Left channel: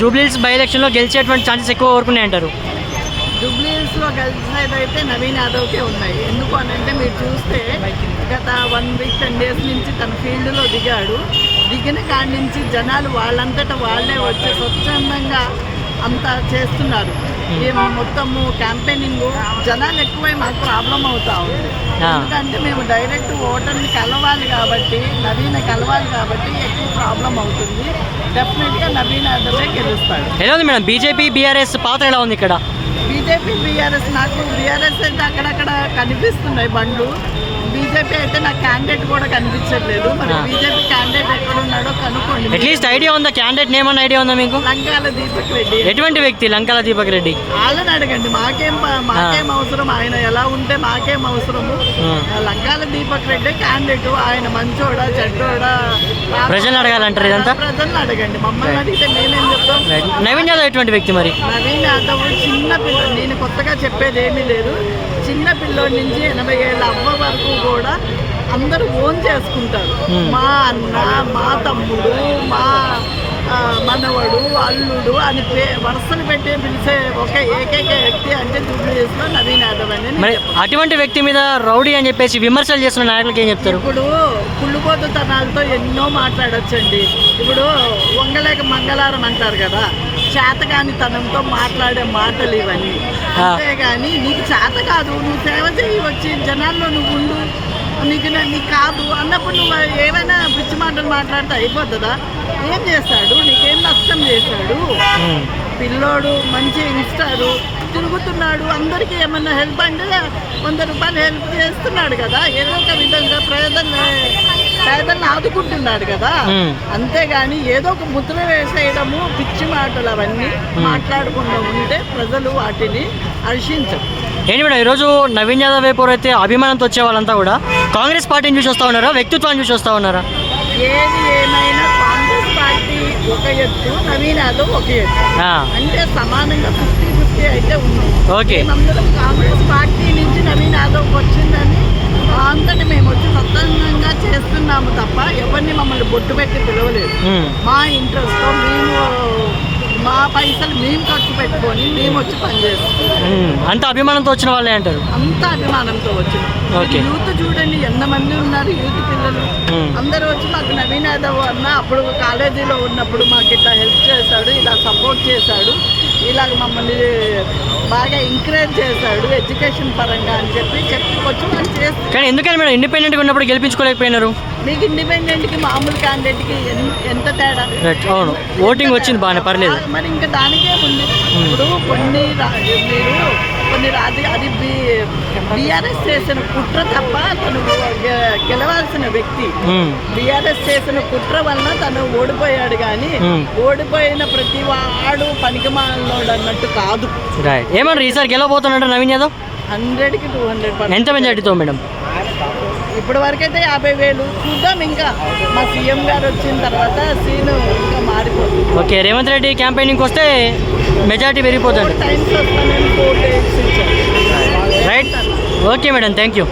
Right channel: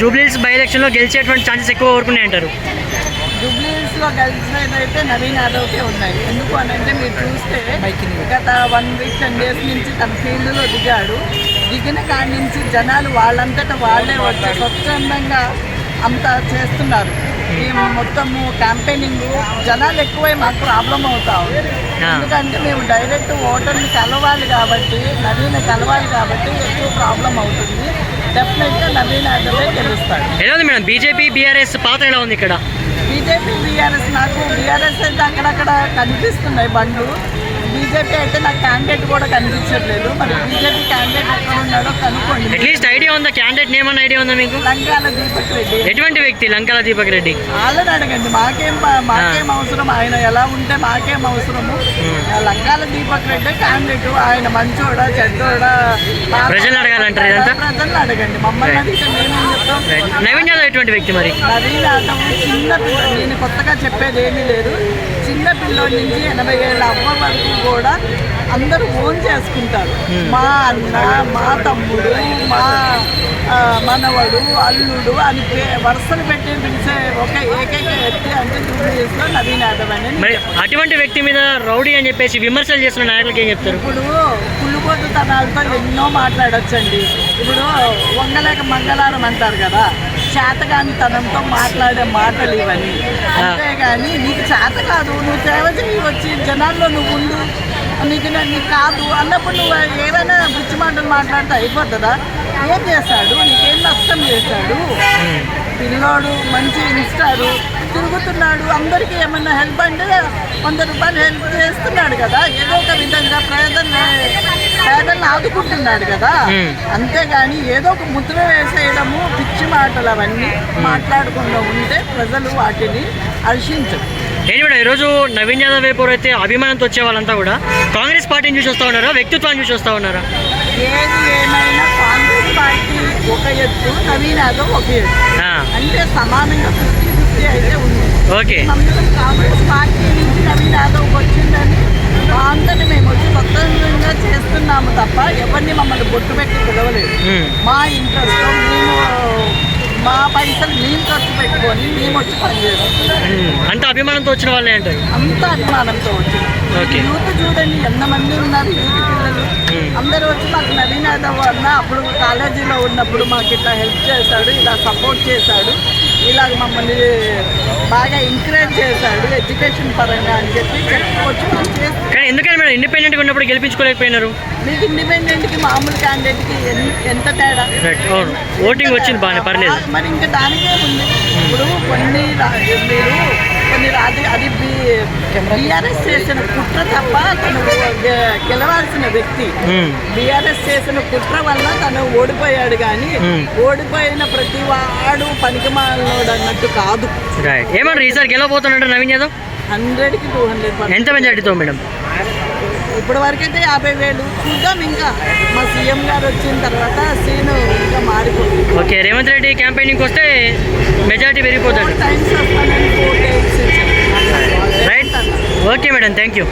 జూబ్లీస్ by ఎలక్షన్లో గెలిచేటువంటి chances ఎక్కువ అంటారు జూబ్లీహిల్స్లో కలిసినదైతే నవీన్ యాదవ్కే ఉన్నాయి. ఎందుకు అని అంటే మీరు చూస్తే గత వన్ వీక్ టెన్ డేస్ నుంచి తన ఫీల్డ్లో దిగాడు. దిగిన కాడి నుంచి జనాలు వాళ్ళంతటా వాళ్ళే వచ్చి స్వచ్ఛందంగా అంత చేస్తున్నారు. ఈ మొత్తము క్యాంపెయినింగ్ జనాలు ఎక్కువై మాకు ప్రాబ్లం అవుతా ఉంది. ఎందుకంటే మేము డైరెక్ట్ ఓటర్ని కలవాలి కాబట్టి నవీన కలవాలి కాబట్టి ఎక్కువ ప్రాబ్లం అవుతుంది. డెఫినెట్గా నవీన్ యాదవే గెలుస్తాడు. ఎలా ఉంది మేడం? బీజేపీ బీఆర్ఎస్ పాత్ర ఎలా ఉంది ఇక్కడ? బీజేపీ బీఆర్ఎస్ నాకు బీఆర్ఎస్ అయితే అక్కడక్కడ కనిపిస్తున్నాయి బండ్లు. బీజేపీ అయితే నాకు క్యాండిడేట్ కూడా కనిపించట్లేదు. మరి. బీజేపీ క్యాండిడేట్ ఎక్కడ ఉన్నాడో కనుక్కోండి అట్లీస్ట్ ఐడియా ఉందా? క్యాండిడేట్ నేమ్ అన్న ఐడియా ఉందా మీకు? లంకాల దీపక్ రెడ్డి. ఎటువంటి వ్యక్తి? లంకాల దీపక్ రెడ్డి. వాళ్ళని అడగండి. మాకేం మాకేం అవసరం? ఆయన ఎలా ఉంటే మాకేం అవసరము? లంకాల దీపక్ రెడ్డి క్యాండిడేట్ ఆయన మంచోడా చెడ్డోడా? ప్రజల్ని అడగాలంటారు ఇదంతా? ప్రజల్ని అడగండి. మమ్మల్ని అడిగితే మేమేం చెప్తాం? నవీన్ యాదవ్ ఎటువంటి వ్యక్తి మరి? నవీన్ యాదవ్ చిన్న పిల్ల నేను కొత్తగా చెప్పేది ఏమీ లేదు. చిన్న పిల్లోడి నుంచి ఎనభై ఏళ్ళ అవ్వ వరకు కూడా అందరూ ఓన్ చేసుకుంటారు. మా అన్న మా తమ్ముడు మా మనవడు అల్లుడు అని వరుసలు పెట్టి పిలిచే ఒక ఏకైక వ్యక్తి అంటే జూబ్లీస్లో నవీన్ యాదవ్ అని అటువంటి వ్యక్తి మీద రౌడీ అని చెప్పేసి విమర్శలు చేస్తున్న నాయకులకి ఏం చెప్తారు? ఇప్పుడు కుళ్ళుబోతుతనాలతో ఎన్నో మాట్లాడొచ్చండి. ఇప్పుడు వంగలేక మంగళారం అంటారు కదా. చేతగాని తనంతో మాట్లాడే మాటలు ఇవన్నీ. అంతేగాని నీకు చేత కాదు నువ్వు సేవ చేయి వచ్చి జనాల్లో నువ్వు ఉండు. నీకు నీకు కాదు అన్నప్పుడు నువ్వు ఏమైనా పిచ్చి మాటలు మాట్లాడితే అయిపోతుందా? ఏం చేస్తాడు? నీకేం నష్టం చేశాడు. పిల్లోడు మంచి ఇన్స్టారు తిరుగుతున్నాడు. అందరికీ ఏమన్నా హెల్ప్ అంటే వంద రూపాయలు హెల్ప్ చేస్తున్నాడు కదా. ఏదో ఒక విధంగా ప్రజల్ని పేదల్ని ఆదుకుంటున్నాడు కదా. అంతేగాని ఏదో ఒక ముద్ర వేసేయడము పిచ్చి మాటలు అవన్నీ మాట్లాడకుండా ఉంటే ప్రజలు వాటిని హర్షించరు ఏంటి మేడం ఈరోజు నవీన్ యాదవ్ వైపు అయితే అభిమానంతో వచ్చే వాళ్ళంతా కూడా కాంగ్రెస్ పార్టీని చూసి వస్తా ఉన్నారా? వ్యక్తిత్వాన్ని చూసి వస్తా ఉన్నారా? ఏది ఏమైనా కాంగ్రెస్ పార్టీ ఒక ఎత్తు నవీన్ యాదవ్ ఒక ఎత్తు. అంటే సమానంగా ఫిఫ్టీ ఫిఫ్టీ అయితే ఉంది. ఓకే. కాంగ్రెస్ పార్టీ నుంచి నవీన్ యాదవ్ వచ్చిందని మా అంతటి మేము వచ్చి స్వతంత్రంగా చేస్తున్నాము తప్ప ఎవరిని మమ్మల్ని బొట్టు పెట్టి పిలవలేదు ఉం. మా ఇంట్రెస్ట్తో మేము మా పైసలు మేము ఖర్చు పెట్టుకొని మేము వచ్చి పనిచేస్తాం ఉం. అంత అభిమానంతో వచ్చిన వాళ్ళే అంటారు అంత అభిమానంతో వచ్చింది ఓకే. యూత్ చూడండి ఎంతమంది ఉన్నారు యూత్ పిల్లలు. అందరూ వచ్చి మాకు నవీన్ యాదవ్ అన్న అప్పుడు కాలేజీలో ఉన్నప్పుడు మాకు ఇట్లా హెల్ప్ చేశాడు ఇలా సపోర్ట్ చేశాడు ఇలాగ మమ్మల్ని బాగా ఎంకరేజ్ చేశాడు ఎడ్యుకేషన్ పరంగా అని చెప్పి చేస్తారు కానీ ఎందుకని మేడం ఇండిపెండెంట్గా ఉన్నప్పుడు గెలిపించుకోలేకపోయినారు? మీకు ఇండిపెండెంట్కి మామూలు క్యాండిడేట్కి ఎంత తేడా? అవును. ఓటింగ్ వచ్చింది బాగానే పర్లేదు. మరి ఇంకా దానికే ఉంది. ఇప్పుడు కొన్ని మీరు రాజు అది బీఆర్ఎస్ చేసిన కుట్ర తప్ప తను గెలవాల్సిన వ్యక్తి. బీఆర్ఎస్ చేసిన కుట్ర వలన తను ఓడిపోయాడు కానీ. ఓడిపోయిన ప్రతి వాడు పనికిమాలినోడు అన్నట్టు కాదు. ఏమన్నారు ఈసారి గెలవబోతున్నాడు నవీన్ యాదవ్? హండ్రెడ్కి టూ హండ్రెడ్ ఎంత మెజార్టీతో మేడం? ఇప్పటి వరకు అయితే యాభై వేలు. చూద్దాం ఇంకా. మా సీఎం గారు వచ్చిన తర్వాత సీన్ ఇంకా మారిపోతుంది. ఓకే రేవంత్ రెడ్డి క్యాంపెయినింగ్కి వస్తే మెజార్టీ పెరిగిపోతుంది. టైమ్స్ వస్తానని four days right okay madam thank you